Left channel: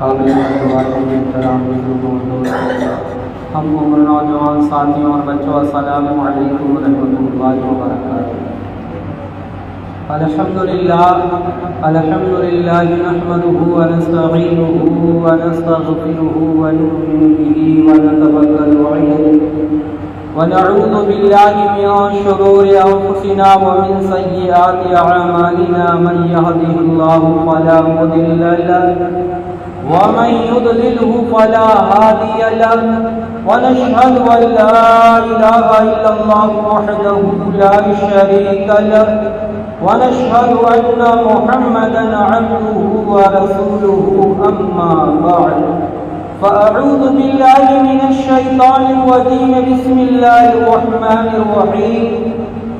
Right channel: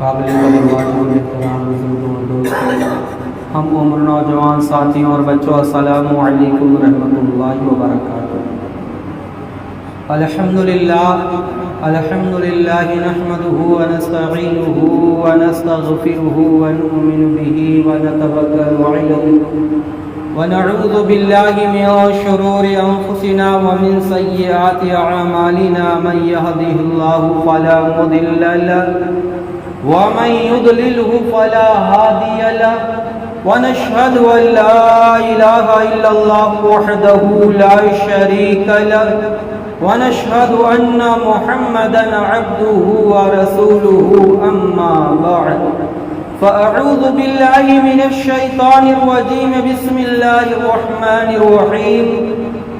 قابل احترام بزرگوں اور دوستوں، ہم عمر نوجوان ساتھیوں اور بچوں، السلام علیکم ورحمۃ اللہ وبرکاتہ۔ الحمد للہ نحمده ونستعینه ونستغفره ونؤمن به ونتوکل علیہ ونعوذ باللہ من شرور انفسنا ومن سیئات اعمالنا، من یهده اللہ فلا مضل له ومن يضلله فلا هادي له، ونشهد أن لا إله إلا الله وحده لا شريك له، ونشهد أن محمدا عبده ورسوله، أما بعد فأعوذ بالله من الشيطان الرجيم، بسم الله الرحمن الرحيم،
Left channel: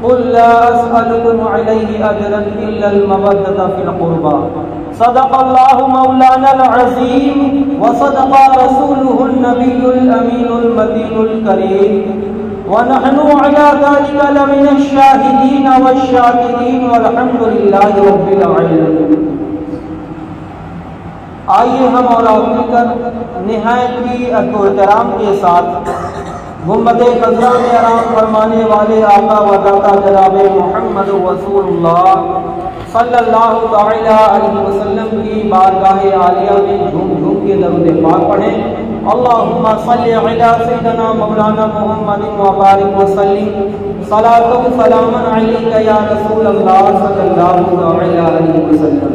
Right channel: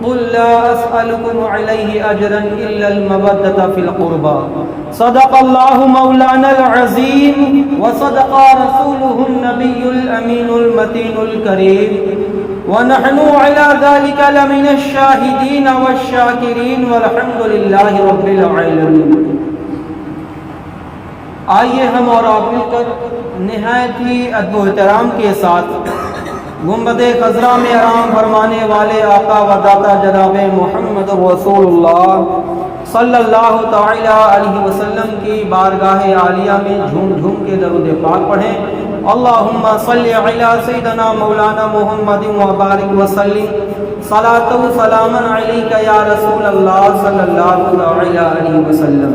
قل لا أسألكم عليه أجرا إلا المودة في القربى، صدق الله مولانا العظيم وصدق رسوله النبي الأمين المتين الكريم، ونحن على ذلك لمن الشاهدين والشاكرين، والحمد لله رب العالمين۔ آئیے ہم اور آپ مل کر نہایت ہی ادب و احترام کے ساتھ گنبد خضرا میں آرام فرمانے والے آقا و داتا جناب محمد رسول اللہ صلی اللہ تعالی علیہ وسلم کی بارگاہ عالیہ میں جھوم جھوم کے درود پاک پڑھیں۔ اللہم صلی علی سیدنا مولانا محمد وبارک وسلم، صلاۃ و سلام علیک یا رسول اللہ صلی اللہ تعالی علیہ وسلم۔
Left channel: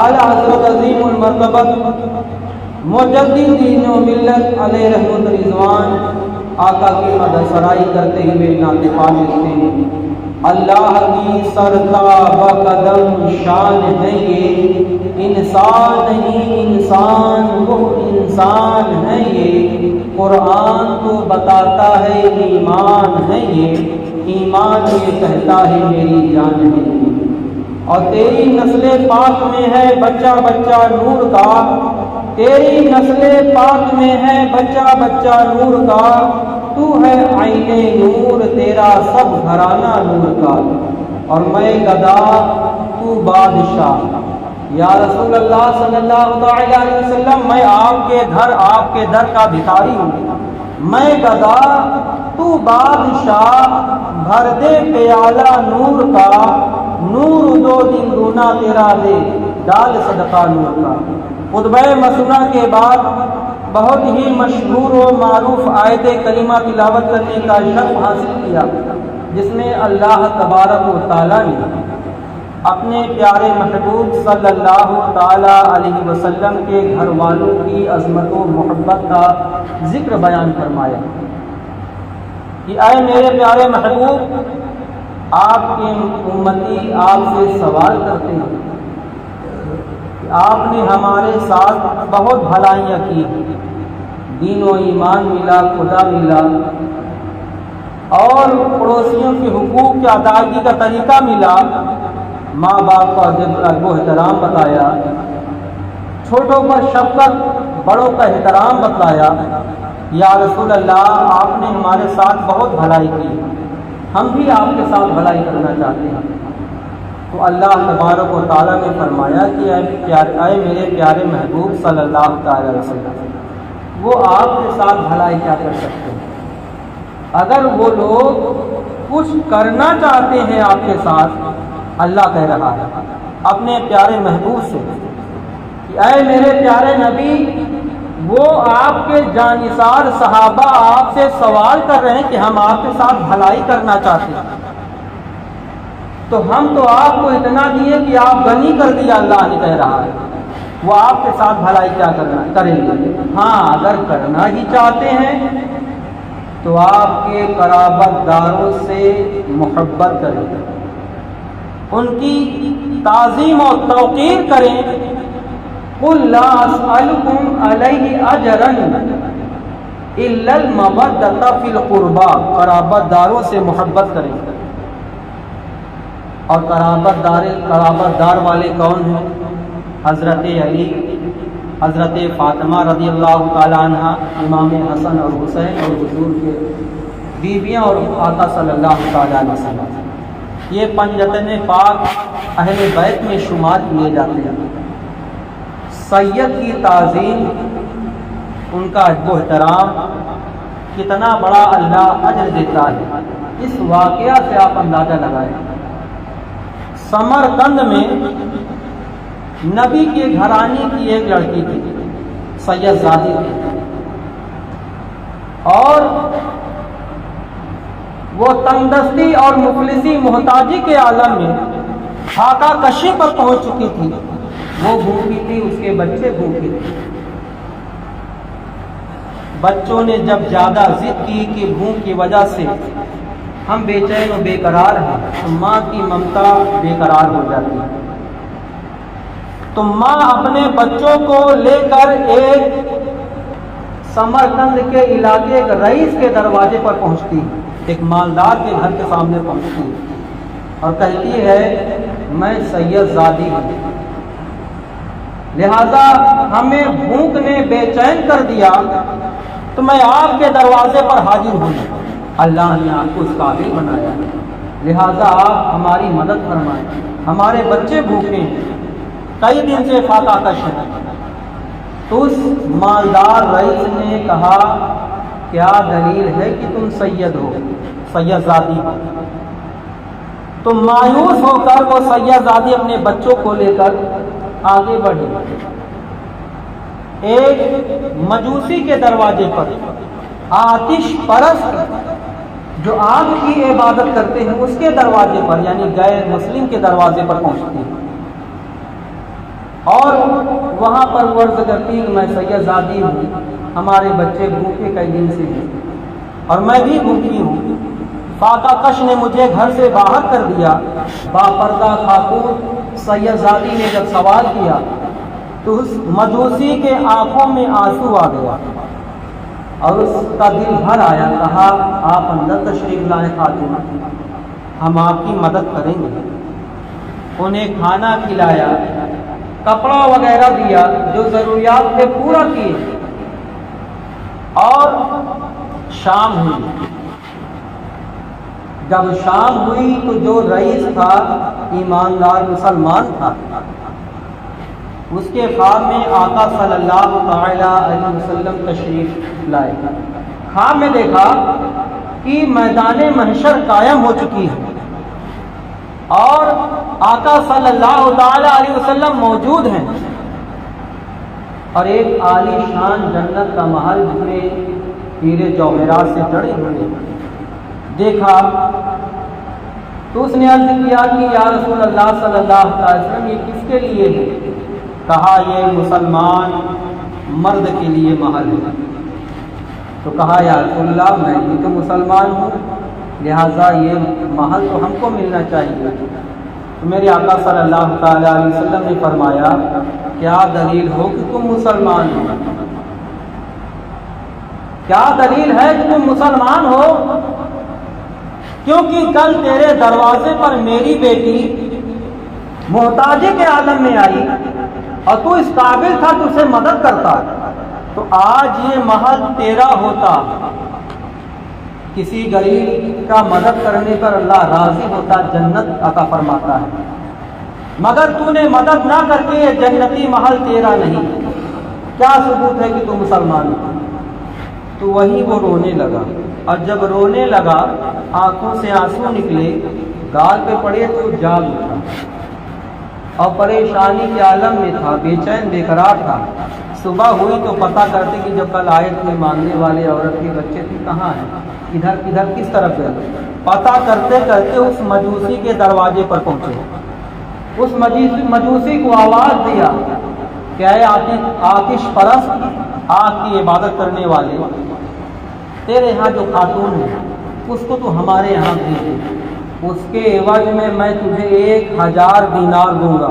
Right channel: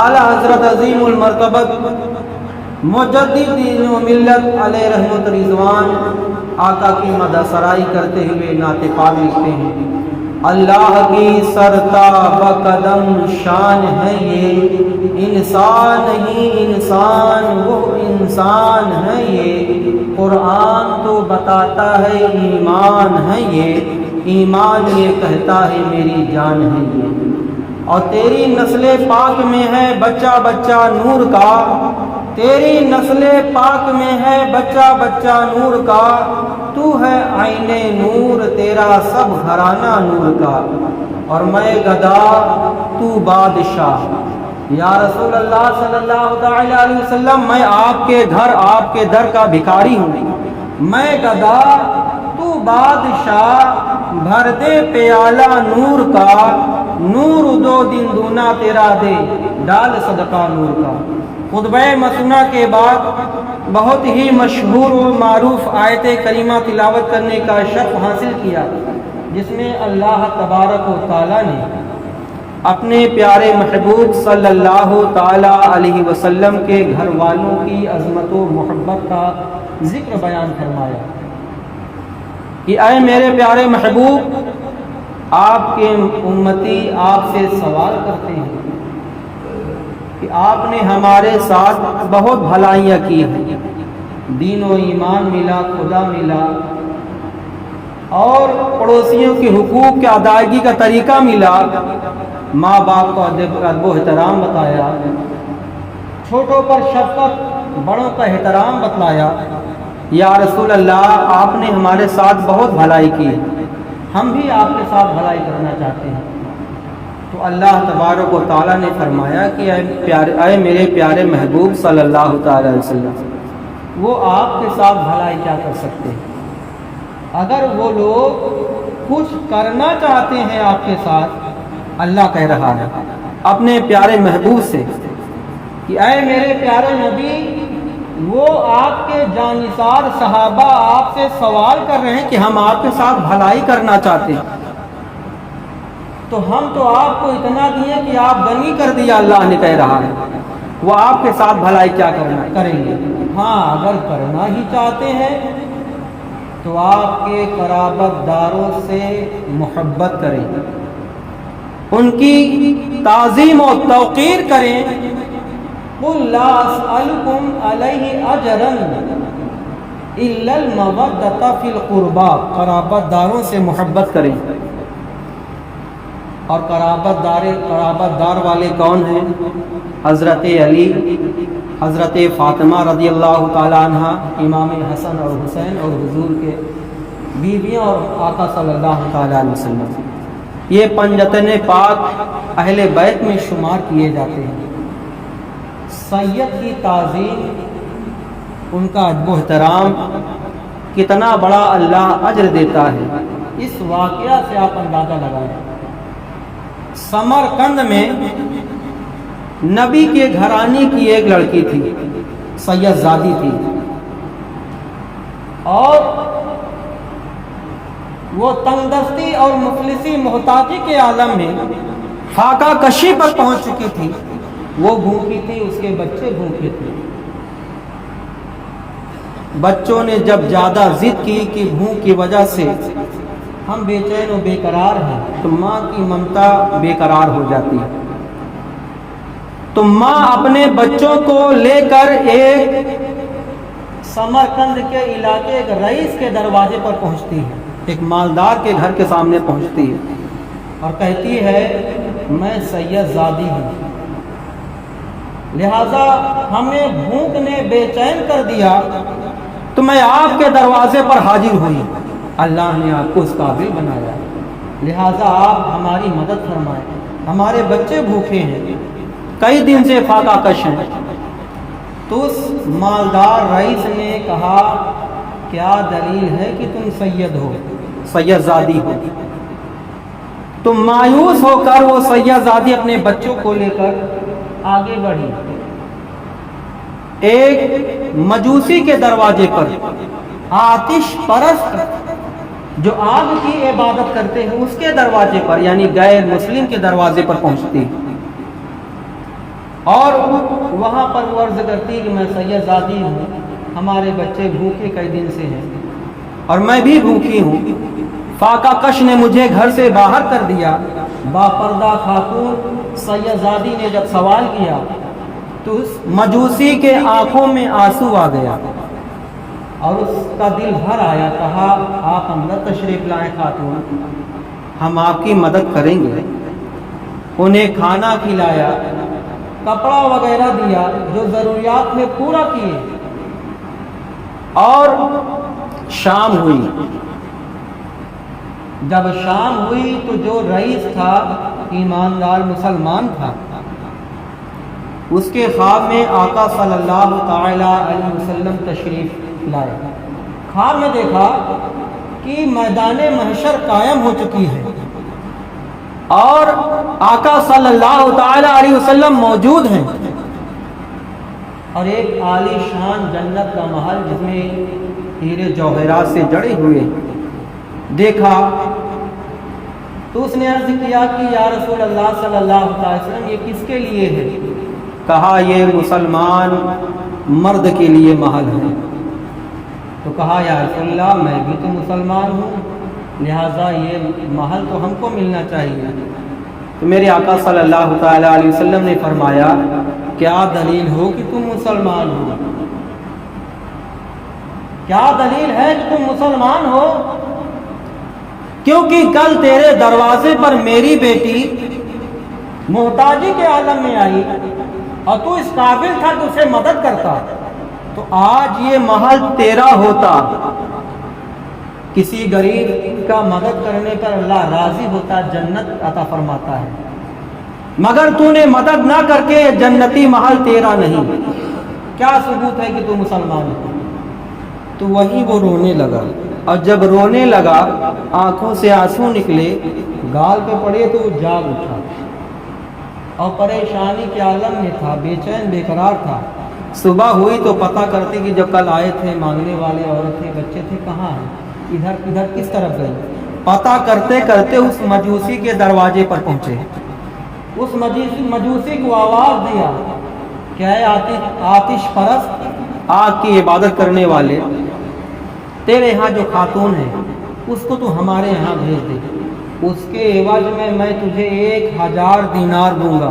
اعلیٰ حضرت عظیم المرتبت مجدد دین و ملت علیہ رحمت رضوان آقا کی مدح سرائی کرتے ہوئے نعت پاک لکھتے ہیں، اللہ کی سرتا و قدم شان ہے یہ، انسان نہیں انسان وہ انسان ہے یہ، قرآن تو بتاتا ہے ایمان ہے یہ، ایمان یہ کہتا ہے میری جان ہے یہ، اور تیری نسل پاک میں ہے بچہ بچہ نور کا، تیری نسل پاک میں ہے بچہ بچہ نور کا، تو ہے عین نور تیرا سب گھرانہ نور کا، اور میں گدا تو بادشاہ۔ یا رسول اللہ صلی اللہ علیہ وسلم، میں آپ کے گھر آپ کے در کا بھکاری ہوں، میں گدا تو بادشاہ، بھر دے پیالہ نور کا، نور دو دن دونا تیرا دے، ڈال صدقہ نور کا۔ خطبہ مسنونہ کے بعد بہت ہی مشہور و معروف آیت کریمہ تلاوت کرنے کا شرف حاصل کیا، جس میں اللہ تبارک و تعالیٰ نے اپنے پیارے محبوب صلی اللہ تعالی علیہ وسلم کے گھر والوں کی عظمت و محبت کا ذکر بیان فرمایا کہ اے میرے پیارے محبوب، آپ کے امتی آپ سے سوال کرتے ہیں کہ آپ نے ہمارے ساتھ بہت بھلائیاں کی ہیں، دین و ایمان ملا، خدا ملا، اور پڑوسیوں کے حقوق کی ادائیگی کا طریقہ ملا، ماں باپ کا ادب و احترام بتایا، چھوٹوں پر شفقت، بڑوں کا احترام بتلایا۔ یا رسول اللہ، آپ نے ہمارے ساتھ بہت بھلائی کی، ہم بھی آپ کے ساتھ بھلائی کرنا چاہتے ہیں۔ تو اللہ تبارک و تعالیٰ نے فرمایا کہ اے میرے پیارے محبوب صلی اللہ تعالی وسلم، وہ آپ کے ساتھ بھلائی کیا کر سکتے ہیں؟ اگر وہ لوگ کچھ کرنا چاہتے ہیں آپ کے ساتھ، اللہ کہہ رہا ہے اپنے پیارے محبوب سے کہ اے میرے پیارے نبی، وہ آپ کے جانثار صحابہ آپ سے سوال کر رہے ہیں کہ ہم آپ کے ساتھ بھلائی کرنا چاہتے ہیں، تو ہم تو آپ کو اتنا دیے کہ آپ غنی کر دیا، اللہ نے کہہ رہا ہے وہ آپ کے ساتھ بھلائی کیا کریں گے؟ ہاں، اگر کرنا ہی چاہتے ہیں تو آپ کے قرابت داروں سے محبت کریں، ان کی تعظیم و توقیر کریں۔ قُلْ لَا أَسْأَلُكُمْ عَلَيْهِ أَجْرًا إِلَّا الْمَوَدَّةَ فِي الْقُرْبَى، قرابت داروں سے محبت کریں۔ اور قرابت دار والے کون ہیں؟ حضرت علی، حضرت فاطمہ رضی اللہ تعالی عنہ، امام حسن اور حسین اور حضور کے بیویاں، اور آقا صلی اللہ تعالی علیہ وسلم۔ یہ پنجتن پاک اہل بیت میں شمار کیے جاتے ہیں۔ سید کی تعظیم، ان کا ادب و احترام کتنا بڑا اللہ اجر دیتا ہے، اس واقعہ سے آپ اندازہ لگائیں۔ سمرقند میں نبی کے گھرانے کی ایک لڑکی تھی، سید زادی تھی، اور وہ تندرستی اور مفلسی محتاجی کے عالم میں فاقہ کشی پر پہنچ چکی تھی۔ وہ بھوکی تھی، اس کے بچے بھوکے تھے۔ بچوں نے جب زیادہ ضد کی کہ بھوک کی وجہ سے ہم بے چین و بے قرار ہیں، تو ماں کی ممتا بے قرار ہو جاتی ہے۔ تو ماں اپنے بچوں کو لے کر ایک سمرقند کے علاقے ایک رئیس کے دروازے پر پہنچتی ہے، ایک مالدار کے گھر کے سامنے پہنچتی ہے اور کہتی ہے میں سید زادی ہوں، لہذا ہمیں بھوک نے بے چین کر دیا تو میں آپ کے دروازے پر حاضر ہوں۔ اللہ نے آپ کو اس قابل بنایا، لہذا آپ ہماری مدد فرمائیں، ہمارے بچے بھوکے ہیں، کئی دن سے فاقہ کش ہیں۔ تو اس مالدار رئیس نے کہا کیا دلیل ہے کہ تم سید ہو، سید زادی ہو؟ تو مایوس ہو کر وہ سید زادی اپنے بچوں کو لے کر آگے بڑھی۔ ایک مجوسی کے دروازے پر، آتش پرست جو آگ کی عبادت کرتے ہیں اس کے دروازے پر، یعنی غیر مسلم کے دروازے پر پہنچتی اور وہاں پر عرض کرتی کہ میں سید زادی ہوں، ہمارے بچے بھوکے کئی دن سے ہیں اور میں بھی بھوکی ہوں، فاقہ کش نے مجھے گھر سے باہر کر دیا۔ باپردہ خاتون سید زادی نے جب سوال کیا تو اس مجوسی کے آنکھوں میں آنسو آ گیا اور اس کا دل بھر آیا۔ کہا آپ اندر تشریف لائیں خاتون، ہم آپ کی مدد کریں گے۔ انہیں کھانا کھلایا، کپڑا وغیرہ دیا، جو ضروریات تھے پورا کیے، اور شام ہوئی۔ جب شام ہوئی تو جو رئیس تھا، ایماندار مسلمان تھا، اس کے خواب میں آقا صلی اللہ تعالی علیہ وسلم تشریف لائے۔ خواب میں دیکھا کہ میدان محشر قائم ہو چکی ہے اور آقا صلی اللہ تعالی علیہ وسلم موجود ہیں، اور ایک عالی شان جنت کا محل جس میں ہیرے جوہرات سے جڑے ہوئے دیکھا۔ تو اس نے عرض کیا کہ یا رسول اللہ صلی اللہ علیہ وسلم یہ کس کے لیے ہے؟ کہا یہ مسلمان مرد کے لیے محل ہے۔ تو کہا یا رسول اللہ میں بھی تو مسلمان ہوں، لہٰذا یہ محل تو ہم کو ملنا چاہیے۔ تو میرے آقا صلی اللہ تعالی علیہ وسلم نے فرمایا کیا دلیل ہو کہ تم مسلمان ہو؟ کیا دلیل ہے کہ تم مسلمان ہو؟ کیونکہ کل تیرے دروازے پر میری بیٹی محتاجی کے عالم میں آئی اور تو اس قابل تھا کہ اسے مدد کرتا، تو آج یہ محل تیرا ہوتا، کسی غریب کا مدد کرنے پر اللہ راضی ہوتا، جنت عطا فرماتا ہے، مگر تو نے مدد نہ کر کے یہ جنتی محل تیرا نہیں۔ کیا ثبوت ہے کہ تو مسلمان ہے؟ تو وہیں وہ رونے لگا، اور جب رونے لگا آنکھوں سے آنسو نکلے، گال پہ پڑے تو جاگ اٹھا اور پریشانی کے عالم میں تھا، بے چین بے قرار تھا۔ صبح ہوئی تو پتہ کرتے کہ جو کل آئے تھے مانگنے والے عورت تھے، بچے تھے، کہاں ہیں، ادھر کدھر کس طرف گئے؟ پتہ کرتے کرتے اس مجوسی کے دروازے پر پہنچے۔ اس مجوسی کو آواز دیا کہ اے آتش پرست، آگ کی عبادت کرنے والے، تیرے یہاں جو خاتون ہے اس کو تو ہمارے یہاں بھیج دے، اس کے عوض میں تجھے 1000 دینار دوں گا۔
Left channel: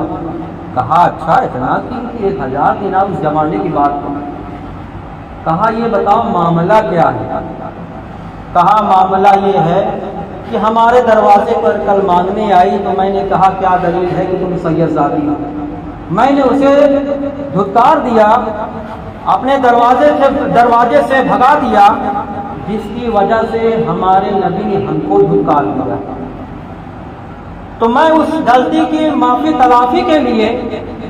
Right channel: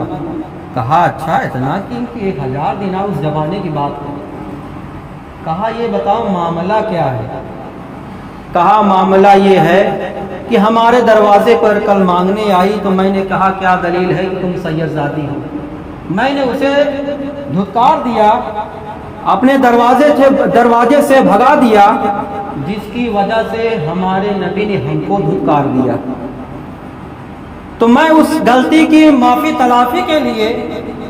کہا اچھا اتنا کہ 1000 دینار اس زمانے کی بات ہے۔ کہا یہ بتاؤ معاملہ کیا ہے؟ کہا معاملہ یہ ہے کہ ہمارے دروازے پر کل مانگنے آئی تو میں نے کہا کیا دلیل ہے کہ تم سید زادی ہو؟ میں نے اسے دھتکار دیا، اپنے دروازے سے بھگا دیا، جس کی وجہ سے ہمارے نبی نے ہم کو دھتکار دیا۔ تو میں اس غلطی کی معافی تلافی کے لیے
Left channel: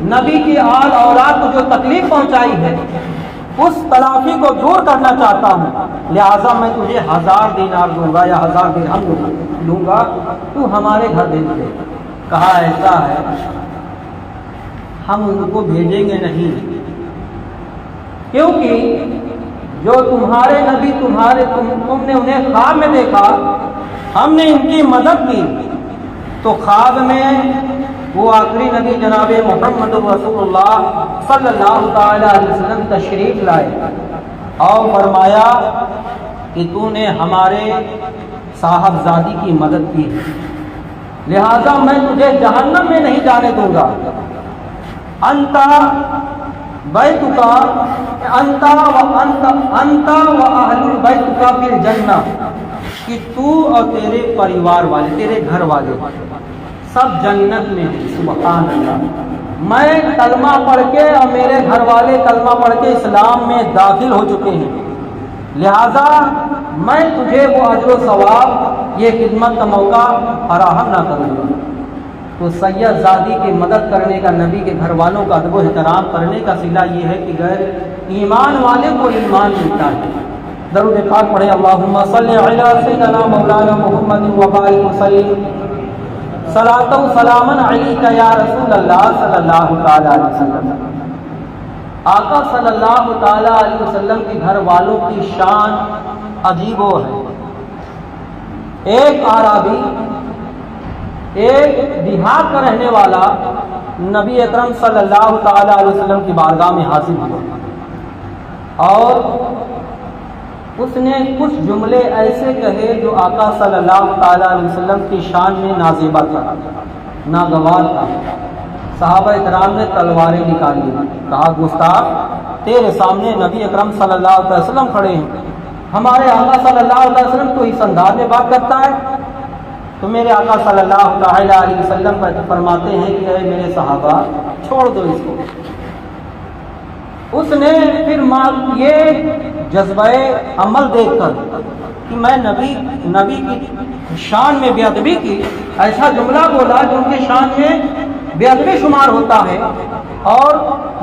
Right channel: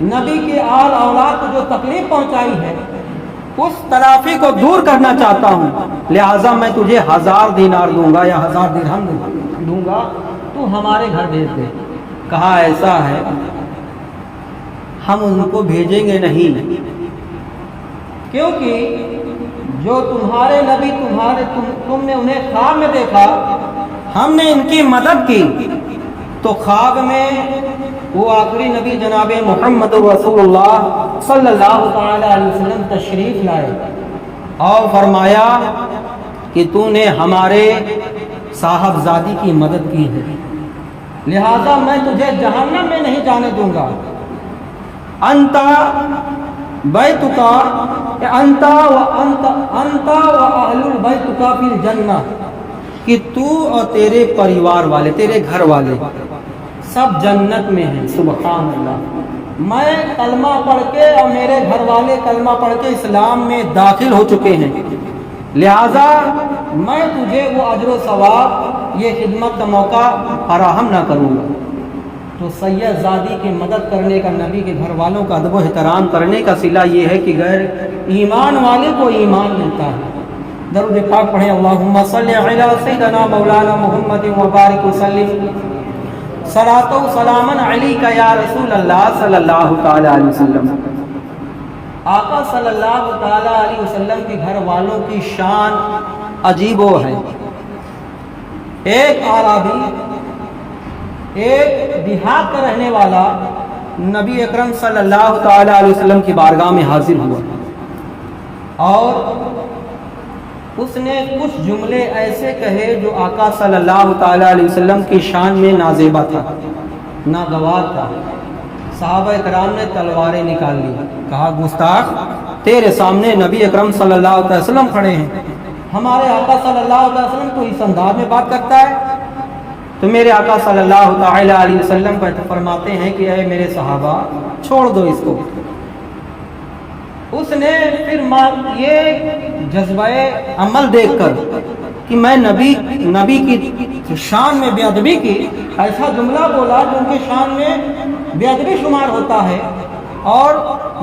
نبی کی آل اولاد کو جو تکلیف پہنچائی ہے اس تلافی کو دور کرنا چاہتا ہوں، لہٰذا میں تجھے 1000 دینار دوں گا یا 1000 درہم دوں گا، تو ہمارے گھر بھیج دے۔ کہا ایسا ہے، ہم ان کو بھیجیں گے نہیں، کیونکہ جو تمہارے نبی تم نے انہیں خواب میں دیکھا، ہم نے ان کی مدد کی، تو خواب میں وہ آخری نبی جناب محمد رسول اللہ صلی اللہ تعالی علیہ وسلم تشریف لائے اور فرمایا کہ تو نے ہمارے صاحبزادی کی مدد کی ہے، لہذا میں تجھے جہنم میں نہیں جانے دوں گا۔ انت بیتک انت و اہل بیتک فی الجنہ، کہ تو اور تیرے پریوار والے، تیرے گھر والے سب جنت میں ہیں۔ سبحان اللہ، میں کلمہ پڑھ کے اور میرے گھر والے کلمہ پڑھ کے اسلام میں داخل ہو چکے ہیں، لہذا میں تجھے وہ اجر و ثواب، یہ خدمت کا موقع فراہم نہ کروں گا۔ تو سید زادی کی مدد کرنے کا، نبی کے گھر والوں کا ادب و احترام کرنے کا صلہ یہ ہے کہ غیر ایمان والے کو ایمان ملتا ہے۔ درود پاک پڑھیں، اللہم صلی علی سیدنا مولانا محمد وبارک وسلم، صلاۃ و سلاما علیک یا رسول اللہ صلی اللہ تعالی علیہ وسلم۔ آقا صلی اللہ تعالی علیہ وسلم کے گھر والوں کی شان عجیب و ہے۔ ایک عربی، ایک دیہات کا رہنے والا نبی اکرم صلی اللہ تعالی علیہ وسلم کی بارگاہ میں حاضر ہوا اور اس نے کچھ جملے ایسے کہے جو آقا صلی اللہ تعالی علیہ وسلم کی شان میں نازیبہ تھا، ناگوار تھا۔ صحابہ اکرام نے تلواریں نکال لی، کہا گستاخ، تیرے سامنے نبی اکرم صلی اللہ علیہ وسلم کھڑے ہیں، ہمارے آقا صلی اللہ علیہ وسلم تو اس انداز میں بات کرتا ہے؟ تو میرے آقا صلی اللہ تعالی علیہ وسلم فرماتے ہیں کہ اے میرے صحابہ، چھوڑ دو اس کو۔ اس نے پھر یہ جذبہ عمل دیکھ کر کہ میں نبی کی شان میں بے ادبی کی، ایسا جملہ بولا جو ان کی شان میں بے ادبی شمار ہوتا ہے، اور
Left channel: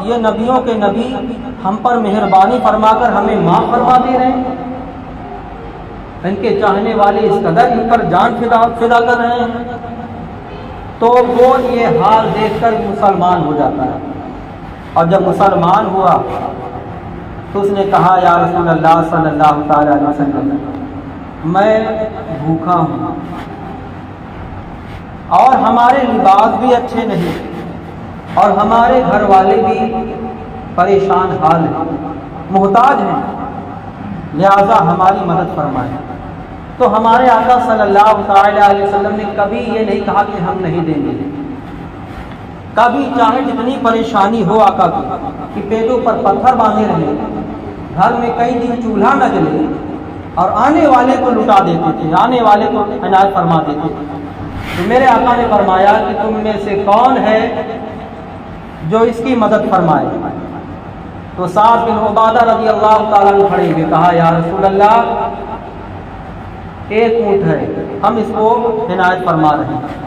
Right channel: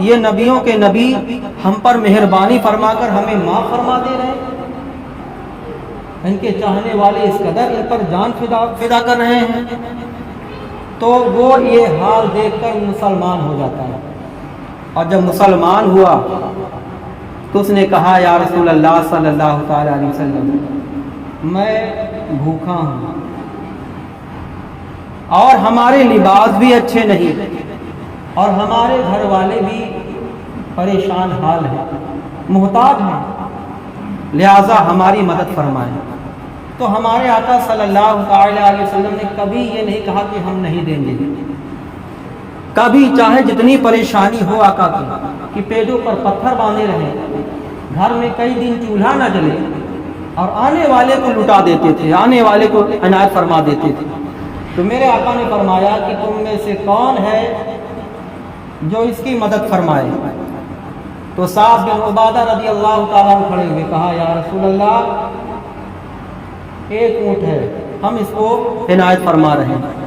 یہ نبیوں کے نبی ہم پر مہربانی فرما کر ہمیں معاف فرما دے رہے ہیں، ان کے چاہنے والے اس قدر ان پر جان فدا کر رہے ہیں۔ تو وہ یہ حال دیکھ کر مسلمان ہو جاتا ہے، اور جب مسلمان ہوا تو اس نے کہا یا رسول اللہ صلی اللہ تعالی علیہ وسلم، میں بھوکا ہوں اور ہمارے لباس بھی اچھے نہیں، اور ہمارے گھر والے بھی پریشان حال ہیں، محتاج ہیں، لہذا ہماری مدد فرمائیں۔ تو ہمارے آقا صلی اللہ تعالی علیہ وسلم نے کبھی یہ نہیں کہا کہ ہم نہیں دیں گے، کبھی چاہے جتنی پریشانی ہو آقا کی، کہ پیٹوں پر پتھر باندھے رہے، گھر میں کئی دن چولہا نہ جلے، اور آنے والے کو لٹا دیتے تھے، آنے والے کو عنایت فرما دیتے تھے۔ تو میرے آقا نے فرمایا کہ تم میں سے کون ہے جو اس کی مدد فرمائے؟ تو سعد بن عبادہ رضی اللہ تعالیٰ عنہ کھڑے ہوئے، کہا یا رسول اللہ، ایک اونٹ ہے، ہم اس کو عنایت فرما رہے ہیں۔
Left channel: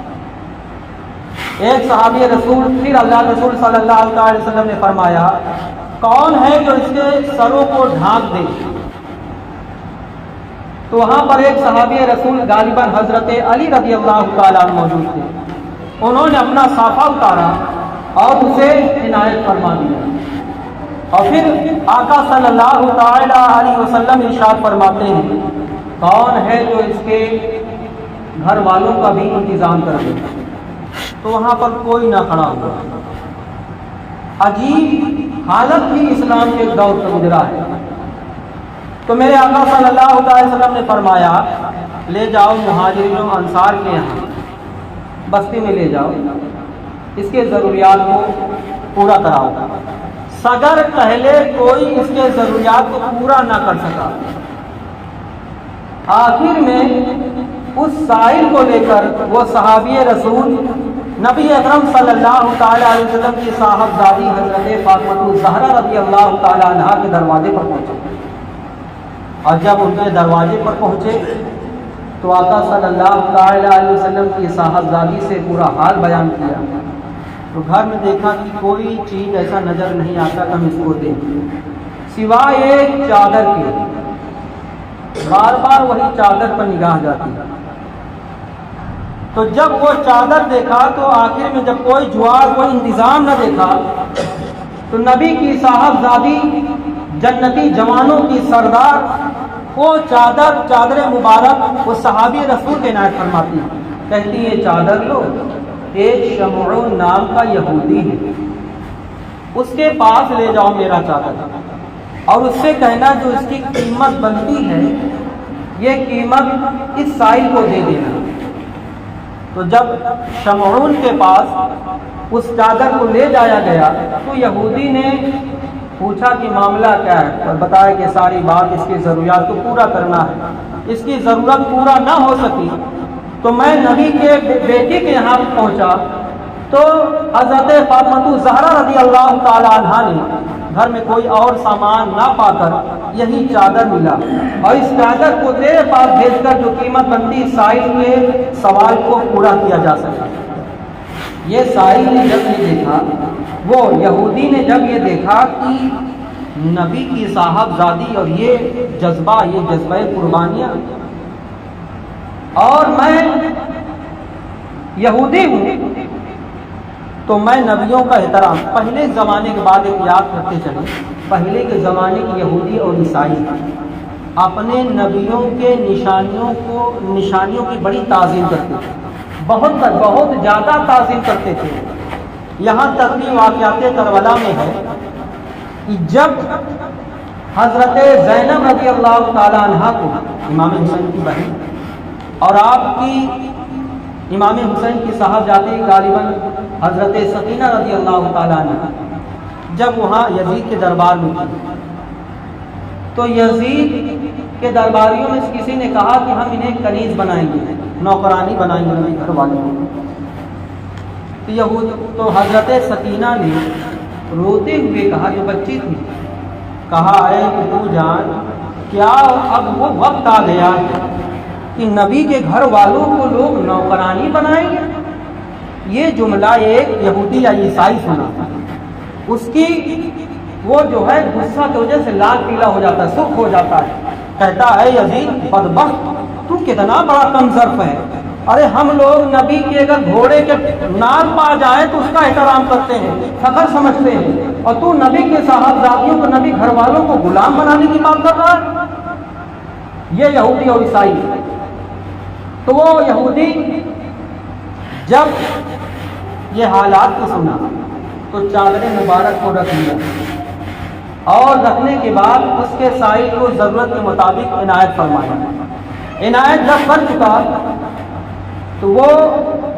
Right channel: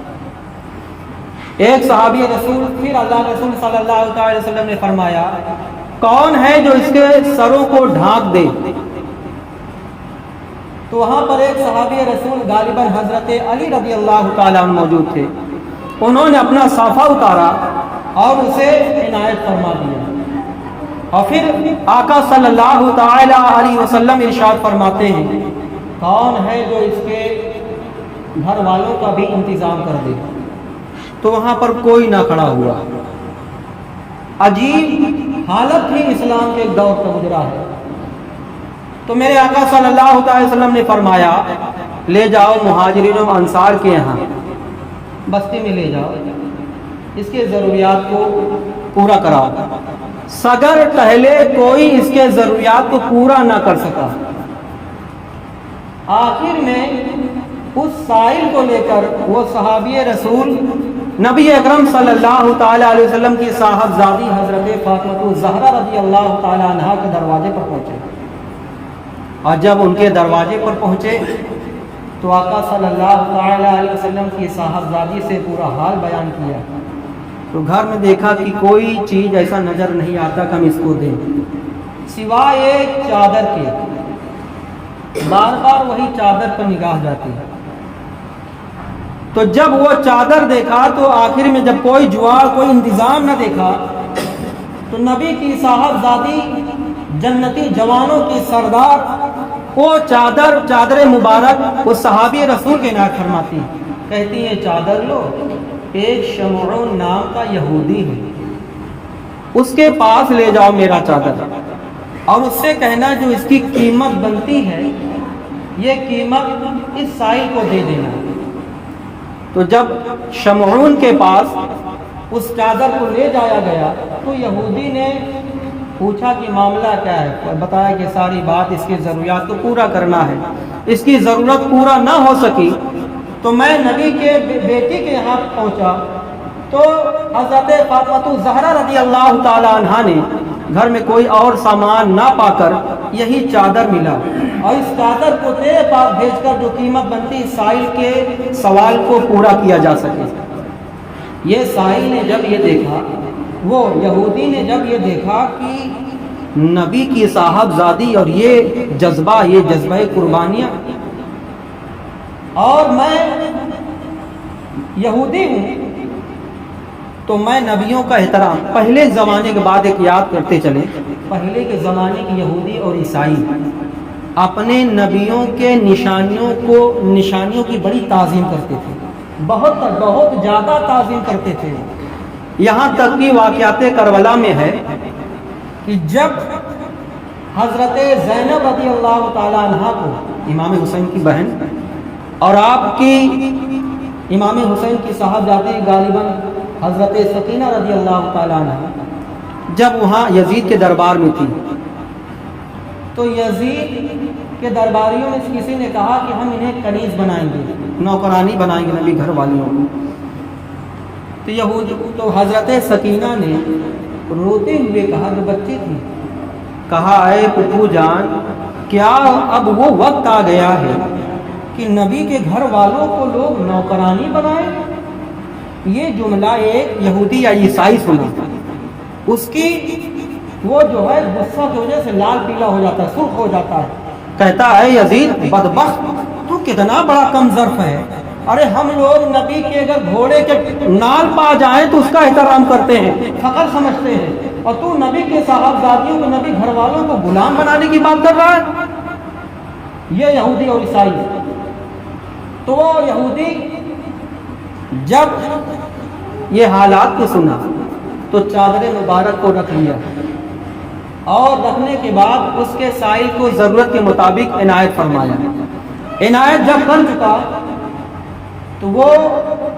ایک صحابی رسول، پھر اللہ رسول صلی اللہ علیہ وسلم نے فرمایا کون ہے جو اس کے سروں کو ڈھانک دے؟ تو وہاں پر ایک صحابی رسول غالباً حضرت علی رضی اللہ تعالیٰ عنہ موجود تھے، انہوں نے اپنا صافہ اتارا اور اسے عنایت فرما دیا، اور پھر آقا صلی اللہ تعالی علیہ وسلم ارشاد فرماتے ہیں کون ہے جو اس کے گھر والوں کا بھی انتظام کر دے؟ تو وہاں پر کوئی نہ کھڑا ہوا۔ عجیب حالت ہی اسلام کے دور کا گزرا ہے۔ تو میرے آقا صلی اللہ علیہ وسلم نے فرمایا لے جاؤ مہاجرین و انصار کے یہاں، بستی میں لے جاؤ، اس کے ضروریات کو پورا کراؤ۔ سگر پہلے کوئی اس کے ضروریات کو پورا نہ کر سکا، آخر میں اس سائل کو لے کر وہ صحابی رسول نبی اکرم صلی اللہ تعالی علیہ وسلم کی صاحبزادی حضرت فاطمہ الزہرا رضی اللہ تعالی عنہا کے دروازے پر پہنچے، اور جب ان کے دروازے پر پہنچے تو آقا صلی اللہ تعالی علیہ وسلم کی صاحبزادی سے پورا حال بیان کیا، تو گھر میں دیکھا کہ کوئی چیز ایسا نظر نہیں آتا کہ ہم اس کو دیں سوائے ایک چادر کے، بار بار وہی چادر پر نگاہ جاتی ہے۔ تو جب وہ چادر دیکھا تو آخر میں جب کوئی جوار کوئی انتظام نہ دیکھا تو نبی کی صاحبزادی جنتی جوانوں کی سردار وہ چادر مبارک اس صحابی رسول کے عنایت فرماتی، کہتی یہ چادر لو، ایک شمعون نام کا یہودی ہے، اس کے پاس لے جاؤ میرا چادر، اور اس سے کہنا جو اس کی قیمت بنتی ہے یہ قیمت اس سائل کو دے دینا۔ تو جب شمعون کے پاس اس چادر کو لے جایا گیا تو یہودی نے پوچھا کہ معاملہ کیا ہے، اور بتایا کہ ساری بات اس کی ضروریات کو پورا کرنا ہے، اس کی ضرورت پورا نہ ہو سکی تو میں نبی کے بیٹی کے یہاں پہنچا تو حضرت فاطمہ الزہرا رضی اللہ تعالی عنہا نے گھر میں کوئی اور سامان نہ پا کر یہی چادر ملا، اور اس چادر کو تیرے پاس بھیج کر جو قیمت بنتی سائل کے سوال کو پورا کیا جا سکے۔ یہ سائل نے جب یہ دیکھا، وہ یہودی نے جب یہ دیکھا کہ نبی کی صاحبزادی اور یہ جذبہ قربانیاں، اور میں یہودی ہوں تو میں نبیوں کا احترام پہلے زمانے کے بعد ایک یاد کرتے چلے، پہلے کے زمانے کے یہودی اور عیسائی اپنے نبیوں کے نشانیوں کی بڑی تعظیم کرتے تھے، بہت زیادہ تعظیم کرتے تھے۔ یہاں تک کہ واقعات کربلا میں ہے کہ جب حضرت زینب رضی اللہ تعالی عنہ کو، امام حسین کی بہن اور آپ کی امام حسین کی صاحبزادی غالباً حضرت سکینہ رضی اللہ تعالی عنہ جب وہاں یزید کے دربار میں تھی تو یزید کے درباریوں میں کسی نے کہا کہ ہم انہیں کنیز بنائیں گے، نوکرانی بنائیں گے نبی گھر والوں کو۔ تو حضرت سکینہ نے روتے ہوئے کہا، جو بچی تھی، کہا اے پتو جان، کیا اب وہ وقت آ گیا ہے کہ نبی کے گھر والوں کو لوگ نوکرانی بنائیں گے؟ یہ جملہ ایک یہودی یا عیسائی سنا، اس کی وہ جو ہے غصہ کی وجہ سے لال پیلا ہو جاتا ہے، سرخ ہو جاتا ہے، کہتا ہے یزید بدبخت، تو کتنا بڑا کم ظرف ہے، ارے ہم لوگ نبی کے اگر گھوڑے کے نال پا جائیں تو اس کا احترام کرتے ہیں، فخر سمجھتے ہیں، اور تو نبی کے صاحبزادیوں کو، نبی گھر والوں کو غلام بنانے کی بات کر رہا ہے۔ یہ یہودی اور عیسائی۔ تو وہ یہودی جب یہ حالات کو سنا تو چادر مبارک کو رکھ لیا، اور رکھنے کے بعد اس کے سائل کو ضرورت کے مطابق عنایت فرمایا۔ عنایت جب کر چکا تو وہ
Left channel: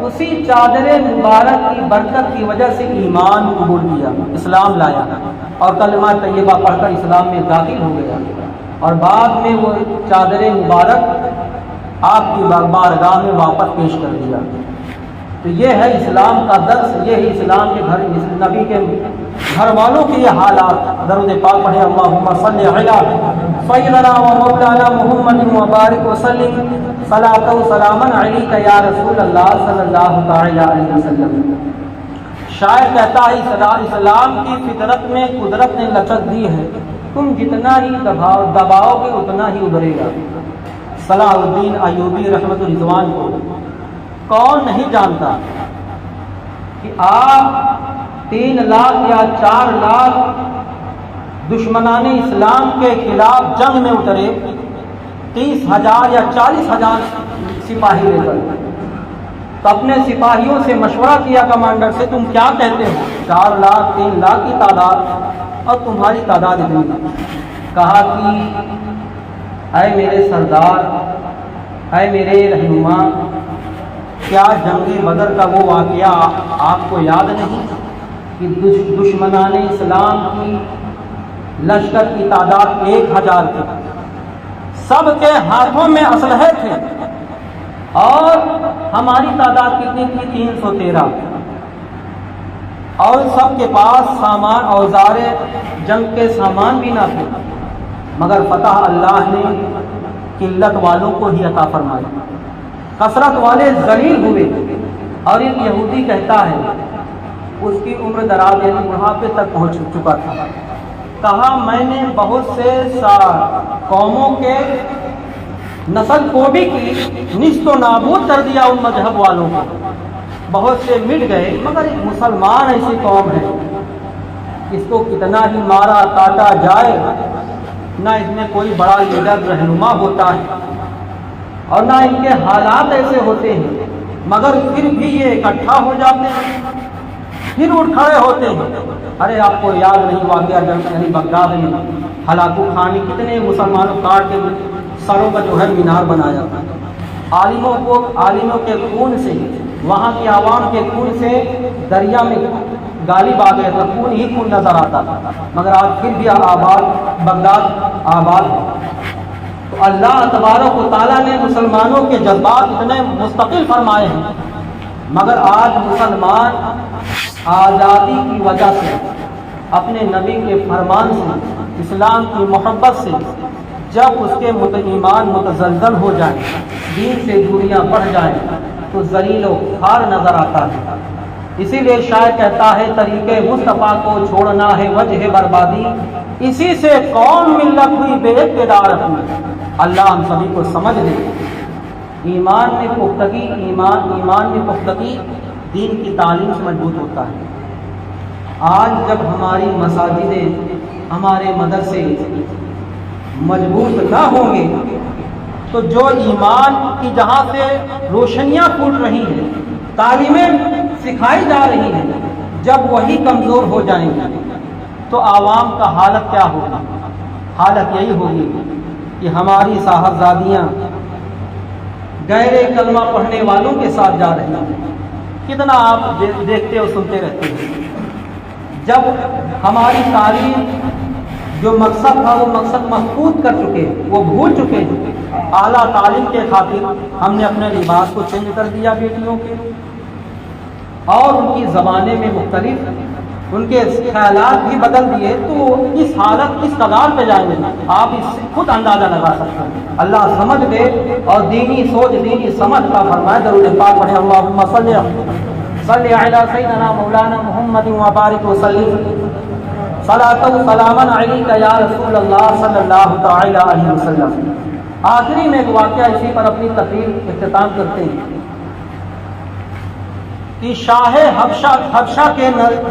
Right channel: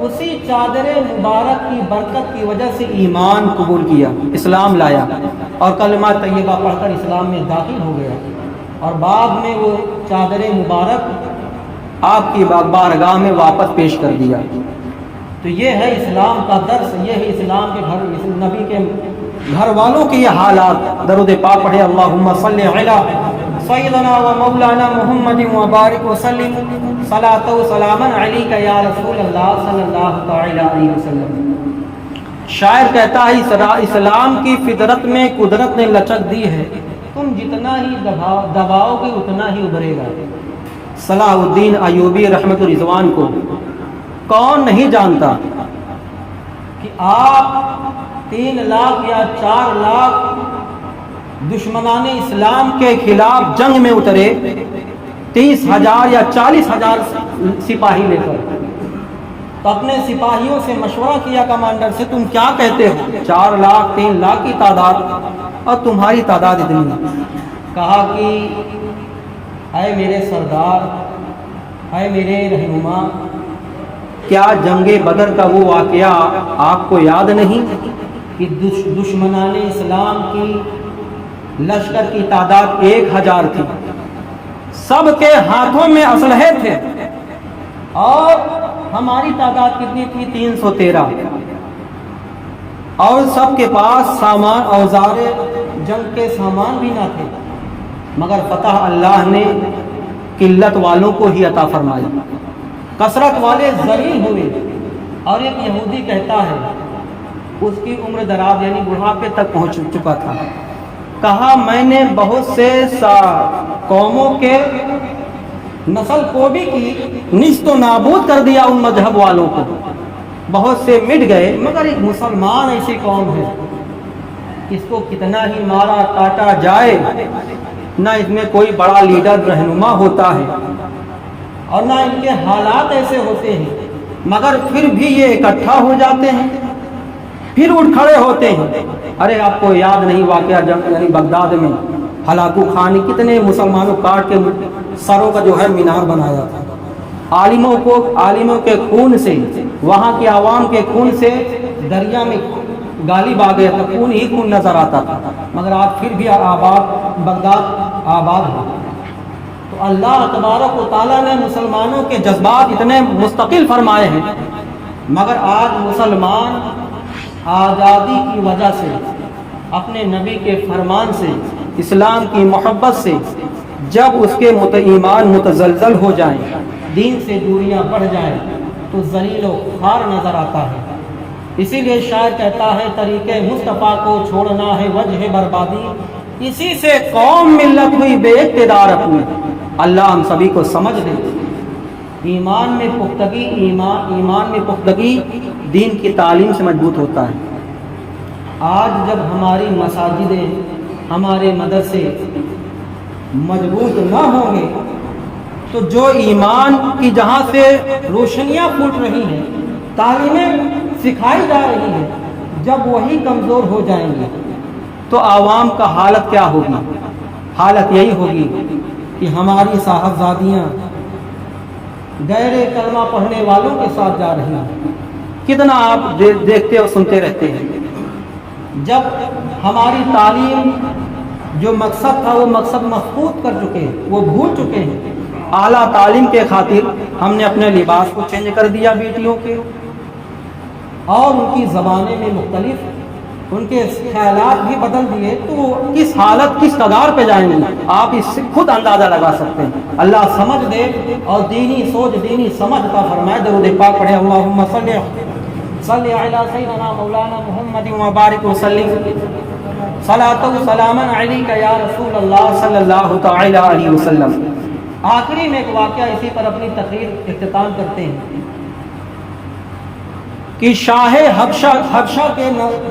اسی چادر مبارک کی برکت کی وجہ سے ایمان قبول کیا، اسلام لایا، اور کلمہ طیبہ پڑھ کر اسلام میں داخل ہو گیا، اور بعد میں وہ چادر مبارک آپ کی بارگاہ میں واپس پیش کر دیا۔ تو یہ ہے اسلام کا درس، یہ ہے اسلام کے گھر، نبی کے گھر والوں کی یہ حالات۔ درود پاک پڑھے، اللہم صلی علی سیدنا و مولانا محمد مبارک وسلم صلاۃ و سلاما علیک یا رسول اللہ صلی اللہ علیہ وسلم۔ شاعر کہتا ہے اسلام کی فطرت میں قدرت نے لچک دی ہے، تم جتنا ہی دباؤ گے اتنا ہی ابھرے گا۔ صلاح الدین ایوبی رحمت رضوان کو کون نہیں جانتا کہ آپ 3 لاکھ یا 4 لاکھ دشمنان اسلام کے خلاف جنگ میں اترے، 30,000 یا 40,000 سپاہی لے کر، تو اپنے سپاہیوں سے مشورہ کیا کمانڈر سے، تم کیا کہتے ہو؟ 4 لاکھ 3 لاکھ کی تعداد اور تمہاری تعداد اتنی؟ کہا کہ اے میرے سردار، اے میرے رہنما، کیا جنگ بدر کا وہ واقعہ آپ کو یاد نہیں کہ دشمنان اسلام کی لشکر کی تعداد 1000 تھی، سب کے ہاتھوں میں اسلحے تھے، اور ہماری تعداد کتنی تھی؟ 313، اور سب کے پاس سامان، اوزار جنگ کے سامان بھی نہ تھے، مگر فتح اللہ نے قلت والوں کو ہی عطا فرمایا، کثرت والے ذلیل ہوئے۔ اور ایک یہودی کہتا ہے اس کی عمر دراز یعنی بڑھاپے تک پہنچ چکا تھا. کہا میں نے بہت سے قوموں کے نسل کو بھی کی نیست و نابود کر دیا ان مذہب والوں کو, بہت سے مٹ گئے, مگر ایک مسلمان ایسی قوم ہے اس کو کتنا ہی مارا کاٹا جائے نہ اس میں کوئی بڑا لیڈر رہنما ہوتا ہے اور نہ ان کے حالات ایسے ہوتے ہیں, مگر پھر بھی یہ اکٹھا ہو جاتے ہیں, پھر اٹھ کھڑے ہوتے ہیں. ارے آپ کو یاد نہیں واقعہ جب یعنی بغداد میں ہلاکو خان نے کتنے مسلمانوں کاٹ کے سروں کا جو ہے مینار بنایا تھا. عالموں کے خون سے, وہاں کے عوام کے خون سے دریا میں غالب آ گیا تھا, خون ہی خون نظر آتا تھا, مگر آپ پھر بھی بغداد آباد ہے. تو اللہ تبارک و تعالیٰ نے مسلمانوں کے جذبات اتنے مستقل فرمائے ہیں, مگر آج مسلمان آزادی کی وجہ سے, اپنے نبی کے فرمان سے, اسلام کی محبت سے جب اس کے ایمان متزلزل ہو جائیں, دین سے دوریاں بڑھ جائیں تو ذلیل و خوار نظر آتا ہے. اسی لیے شاعر کہتا ہے طریقے مصطفیٰ کو چھوڑنا ہے وجہ بربادی, اسی سے قوم ملت ہوئی بے اقتدار ہوئی. اللہ ہم سبھی کو سمجھ دے. ایمان میں پختگی دین کی تعلیم سے مضبوط ہوتا ہے. آج جب ہماری مساجدیں, ہمارے مدرسے مضبوط نہ ہوں گے تو جو ایمان کی جہاں سے روشنیاں پھوٹ رہی ہیں, تعلیمیں سکھائی جا رہی ہیں, جب وہی کمزور ہو جائیں گے تو عوام کا حالت کیا ہوگی؟ حالت یہی ہوگی کہ ہماری صاحبزادیاں غیر کلمہ پڑھنے والوں کے ساتھ جا رہی ہیں. کتنا آپ دیکھتے اور سنتے رہتے ہیں. جب ہماری تعلیم جو مقصد تھا وہ مقصد مفقود کر چکے ہیں, وہ بھول چکے ہیں. اعلیٰ تعلیم کے خاطر ہم نے اپنے لباس کو چینج کر دیا بیٹیوں کے, اور ان کی زبانیں میں مختلف, ان کے خیالات بھی بدل دیے, تو کس حالت کس قدار پہ جائیں گے آپ اس سے خود اندازہ لگا سکتے ہیں. اللہ سمجھ دے اور دینی سوچ دینی سمجھ کا فرمائے. درود پاک پڑھے اللہم صلی علی سیدنا مولانا محمد وبارک وسلم صلاۃ و سلاما علیک یا رسول اللہ صلی اللہ تعالی علیہ وسلم. آخری میں ایک واقعہ اسی پر اپنی تقریر اختتام کرتے ہیں کہ شاہ حبشہ کے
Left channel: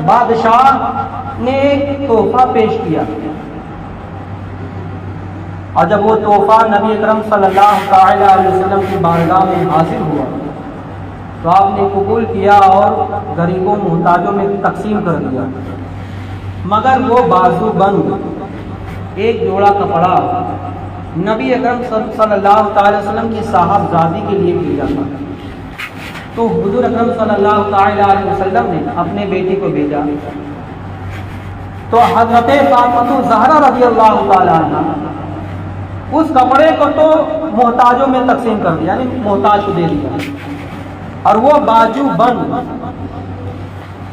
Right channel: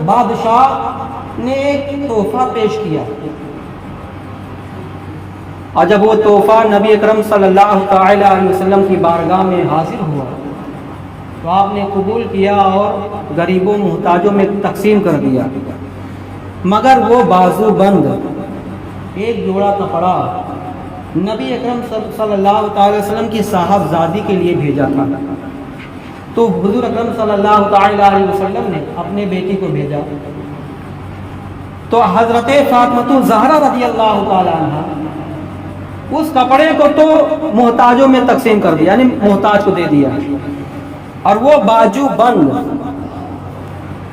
بادشاہ نے ایک تحفہ پیش کیا, اور جب وہ تحفہ نبی اکرم صلی اللہ تعالی علیہ وسلم کی بارگاہ میں حاصل ہوا تو آپ نے قبول کیا اور غریبوں محتاجوں میں تقسیم کر دیا. مگر وہ بازو بند ایک جوڑا کپڑا نبی اکرم صلی اللہ تعالی وسلم کی صاحبزادی کے لیے بھیجا تھا. تو حضور اکرم صلی اللہ تعالی علیہ وسلم نے اپنے بیٹی کو بھیجا تو حضرت فاطمہ الزہرا رضی اللہ تعالی عنہ اس کپڑے کو تو محتاجوں میں تقسیم کر دیا, یعنی محتاج کو دے دیا, اور وہ باجو بند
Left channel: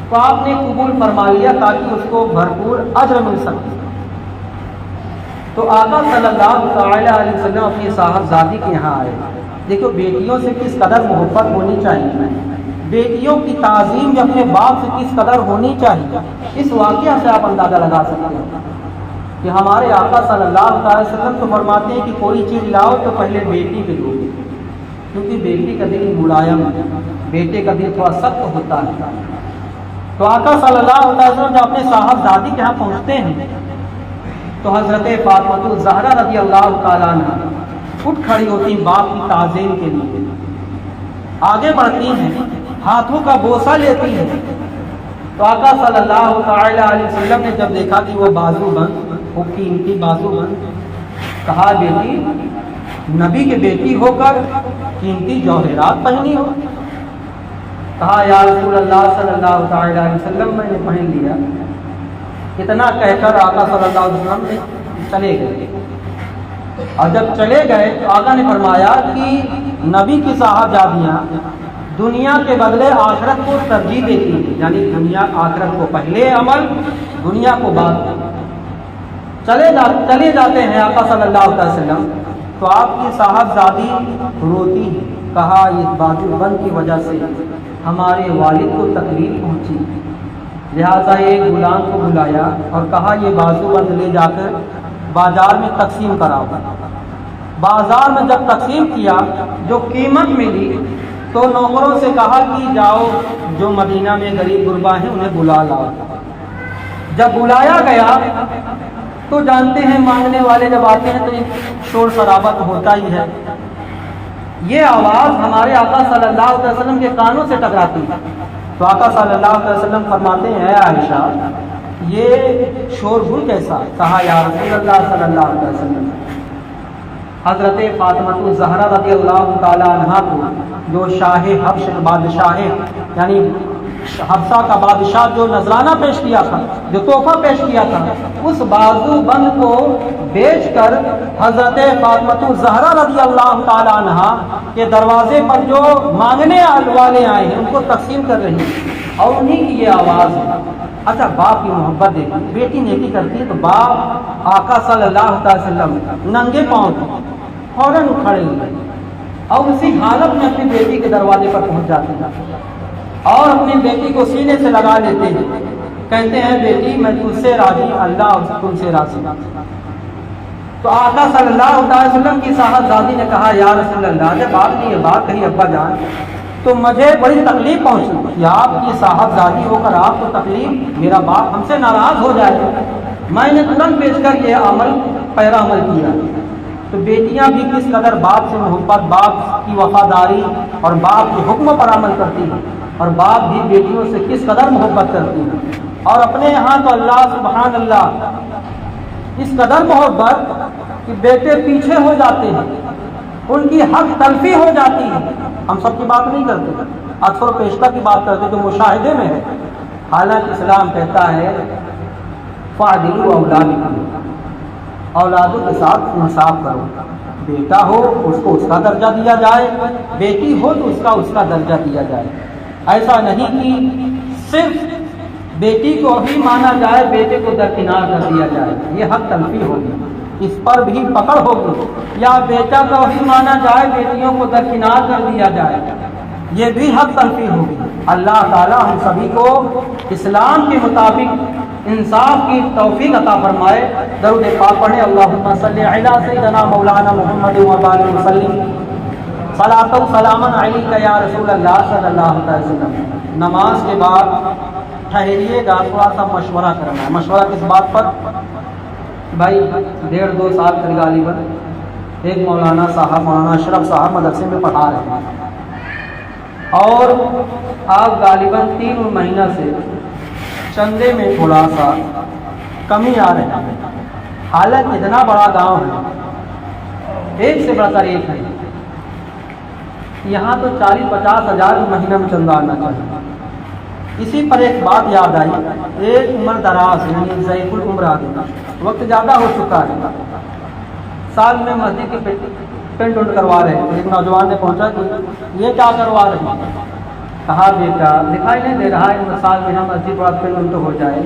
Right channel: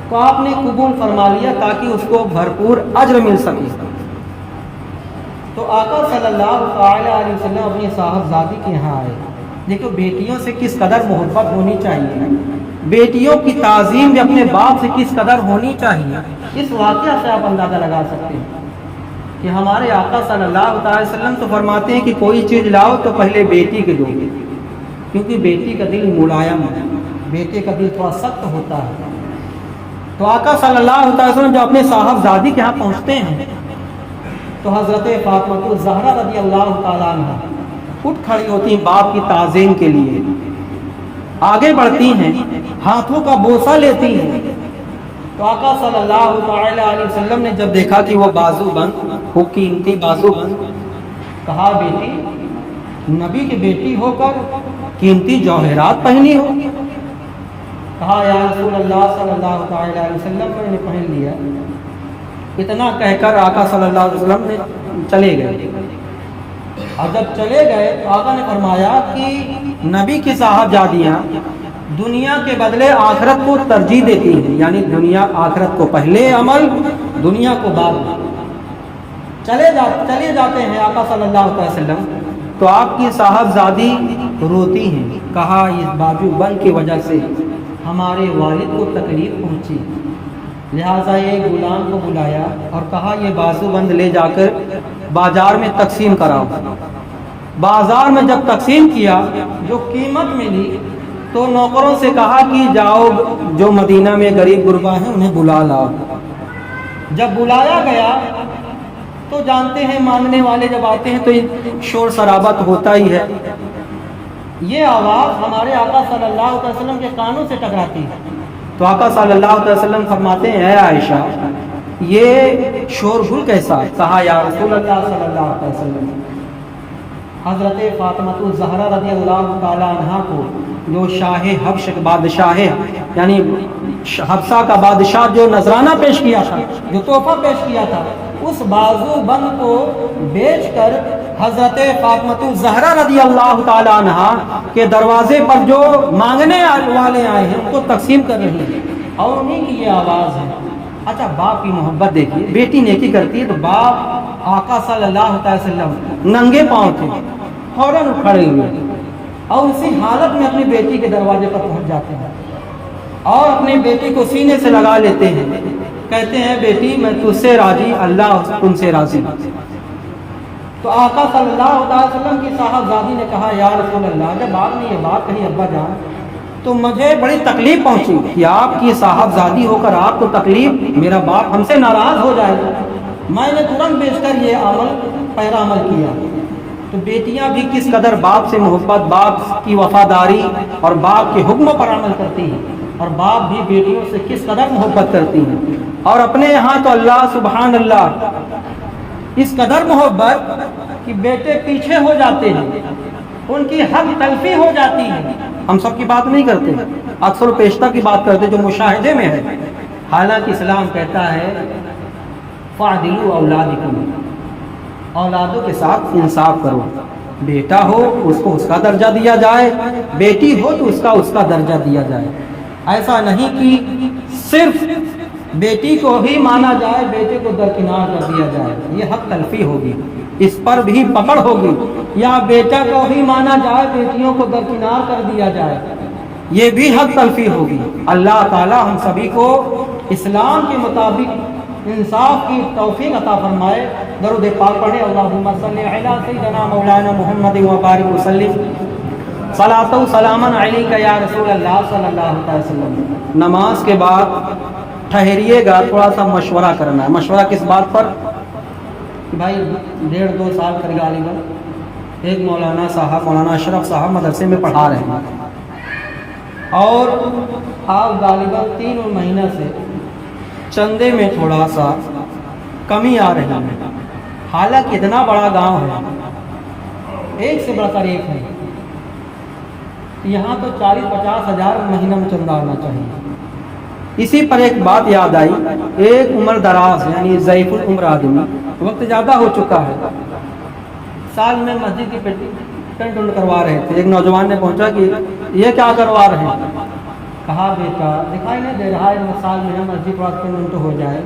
کو آپ نے قبول فرما لیا تاکہ اس کو بھرپور اجر مل سکے. تو آقا صلی اللہ تعالی علیہ وسلم اپنی صاحبزادی کے یہاں آئے. دیکھو بیٹیوں سے کس قدر محبت ہونی چاہیے, بیٹیوں کی تعظیم میں اپنے باپ سے کس قدر ہونی چاہیے. اس واقعہ سے آپ اندازہ لگا سکتے ہیں کہ ہمارے آقا صلی اللہ علیہ وسلم تو فرماتے ہیں کہ کوئی چیز لاؤ تو پہلے بیٹی کے دو, کیونکہ بیٹی کا دل ملائم ہے, بیٹے کا دل تھوڑا سخت ہوتا ہے. تو آقا صلی اللہ علیہ وسلم جب اپنے صاحبزادی کے یہاں پہنچتے ہیں تو حضرت فاطمہ الزہرا رضی اللہ تعالیٰ عنہ اٹھ کھڑی ہوتی ہیں باپ کی تعظیم کے لیے, آگے بڑھتی ہیں, ہاتھوں کا بوسہ لیتی ہیں. تو آقا صلی اللہ تعالی علیہ وسلم نے جب دیکھا کہ وہ بازو بند, خوب قیمتی بازو بند, کہا بیٹی نبی کی بیٹی ہو کر قیمتی جوہرات پہنی ہو. کہا یا رسول اللہ صلی اللہ تعالی علیہ وسلم میں نے پہن لیا. اتنا کہہ کر آقا صلی اللہ علیہ وسلم نے چلے گئے, اور جب چلے گئے تو آقا نے فرمایا کہ نبی کی صاحبزادیاں دنیا کے بدلے آخرت کو ترجیح دیتی ہیں, یعنی دنیا آخرت کو پہلے عمل, دنیا کو بعد. چلے جاتے ہیں آقا صلی اللہ علیہ وسلم تو آپ کی صاحبزادی روتی ہیں. کہا اس باجو بند کی وجہ سے ہمارے والد کو تکلیف پہنچی, لہٰذا ایک غلام کو بلایا اور کہا یہ بازو بند لے جا کر بازار میں تقسیم کراؤ۔ بازار میں جب تقسیم کیا جو قیمت ملی تو نوکروں سے کہا کہ جاؤ جو مدینہ میں غریب غربا ہیں انہیں بلا لاؤ۔ جب بلایا گیا تو جانتے ہیں مانگنے والے جب آتے ہیں تو شور شرابت ہوتا ہی ہے۔ یہ آواز ہمارے آقا صلی اللہ علیہ وسلم کے کانوں سے ٹکراتی ہے تو آقا صلی اللہ علیہ وسلم فرماتے ہیں اے عائشہ یہ شور غل کیسا؟ کہا یا رسول اللہ صلی اللہ علیہ وسلم حضرت فاطمہ الزہرا رضی اللہ تعالی عنہا کو جو شاہ حبش بادشاہ یعنی حبشہ کا بادشاہ جو نذرانہ پیش کیا تھا، جو تحفہ پیش کیا تھا، اس بازو بند کو بیچ کر حضرت فاطمہ الزہرا رضی اللہ تعالی عنہا کے دروازے پر جو مانگنے والے آئے ہیں ان کو تقسیم کر رہی ہیں اور انہیں کی یہ آواز ہے۔ اچھا باپ کی محبت دیکھیے، بیٹی نیکی کرتی ہے تو باپ آقا صلی اللہ علیہ وسلم ننگے پاؤں تھے فوراً کھڑے ہوئے اور اسی حالت میں اپنی بیٹی کے دروازے پر پہنچ جاتے ہیں اور اپنی بیٹی کو سینے سے لگا لیتے ہیں، کہتے ہیں بیٹی میں تجھ سے راضی، اللہ تم سے راضی۔ تو آقا صلی اللہ علیہ وسلم کی صاحبزادی نے کہا یا رسول اللہ جب آپ نے یہ بات کہی ابا جان تو مجھے بڑی تکلیف پہنچی کہ آپ کی صاحبزادی ہو کر آپ کو تکلیف، میرا باپ ہم سے ناراض ہو جائے گا۔ میں نے ترنت بیچ کر یہ عمل پہلا عمل کیا۔ تو بیٹیاں بھی کس قدر باپ سے محبت، باپ کی وفاداری اور باپ کے حکموں پر عمل کرتی ہیں اور باپ بھی بیٹیوں سے کس قدر محبت کرتی ہیں۔ اور اپنے یہاں تو اللہ سبحان اللہ اس قدر محبت کہ بیٹے پیچھے ہو جاتے ہیں، ان کی حق تلفی ہو جاتی ہے۔ ہم سب کی بات نہیں کرتے، اکثر و پیشتر کی بات کرتے جو مشاہدے میں ہے۔ حالانکہ اسلام کہتا ہے فَعْدِلُوا أَوْلَادِكُمْ، اولادوں کے ساتھ انصاف کرو، بیٹا ہو اس کو اس کا درجہ دیا جائے، بیٹی ہو تو اس کا درجہ دیا جائے۔ ایسا نہیں کہ صرف بیٹی کو بھی مانا جائے، بیٹے کو درکنار کر دیا جائے، یہ حق تلفی ہوگی، اس پر بھی پکڑ ہوگی۔ یا بیٹا کو بھی مانا جائے، بیٹیوں کو درکنار کر دیا جائے، یہ بھی حق تلفی ہوگی۔ اللہ تعالی ہم سبھی کو اسلام کے مطابق انصاف کی توفیق عطا فرمائے۔ درود پاک پڑھیں، اللہم صلی علی سیدنا مولانا محمد و بارک وسلم صلاۃ و سلاما علیک یا رسول اللہ صلی اللہ علیہ وسلم۔ نماز کے بعد ٹھہریے گا، تھوڑا سا مشورہ کرنا ہے۔ مشورہ کس بات پر؟ بھائی 1.5-2 سال قریب غالباً ایک مولانا صاحب، مولانا اشرف صاحب مدرسے میں پڑھا رہے ہیں اور آپ غالباً 3 مہینہ سے چندے میں تھوڑا سا کمی آ رہی ہے۔ حالانکہ اتنا بڑا گاؤں ہے، ایک سے بڑھ کر ایک ہے، یہاں تو 40-50 ہزار مہینہ میں چندہ آنا چاہیے۔ اسی پر ایک بات یاد آئی، ایک عمر دراز یعنی ضعیف العمر آدمی، وقت زیادہ ہو چکا ہے، سال میں مسجد کی پینٹ کروا رہے ہیں۔ ایک نوجوان نے پوچھا کہ یہ کیا کروا رہے ہیں؟ کہا بیٹا دکھائی نہیں دے رہا ہے سال میں ہم مسجد پر پینٹ ہو جائے۔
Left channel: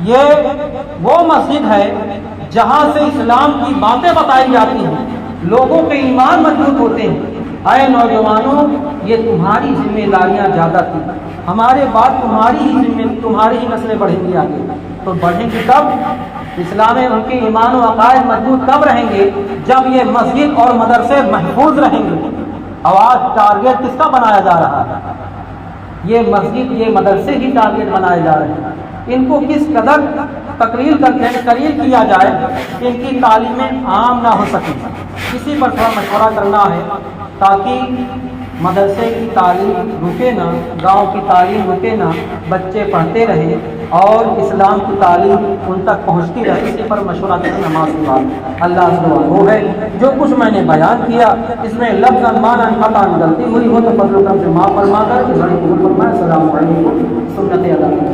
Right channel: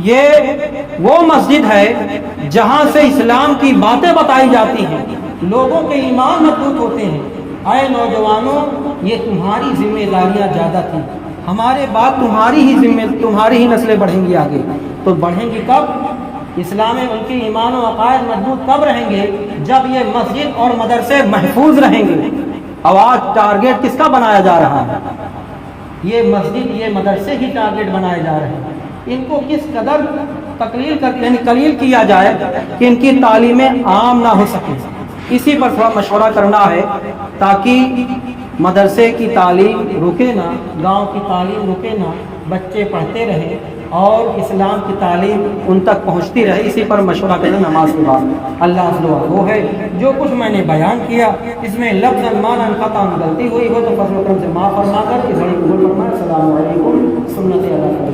یہ وہ مسجد ہے جہاں سے اسلام کی باتیں بتائی جاتی ہیں، لوگوں کے ایمان مضبوط ہوتے ہیں۔ اے نوجوانوں یہ تمہاری ذمہ داریاں زیادہ تھیں، ہمارے بعد تمہاری ہی نسلیں بڑھیں گی آگے، تو بڑھیں گی کب؟ اسلام میں ان کے ایمان و عقائد مضبوط کب رہیں گے؟ جب یہ مسجد اور مدرسے محفوظ رہیں گے۔ اب آج ٹارگیٹ کس کا بنایا جا رہا ہے؟ یہ مسجد، یہ مدرسے ہی ٹارگیٹ بنائے جا رہے ہیں۔ ان کو کس قدر قلیل کیا جائے کہ ان کی تعلیمیں عام نہ ہو سکیں، اسی پر تھوڑا مشورہ کرنا ہے تاکہ مدرسے کی تعلیم رکے نہ، گاؤں کی تعلیم رکے نہ، بچے پڑھتے رہیں اور اسلام کی تعلیم ان تک پہنچتی رہے۔ اسی پر مشورہ کریں نماز کے بعد۔ اللہ سے وہ ہے جو کچھ میں نے بیان کیا اس میں لفظ معنی خطا غلطی ہوئی ہو تو فضل و کرم سے معاف فرما کر اس بڑی السلام علیکم سنت اللہ۔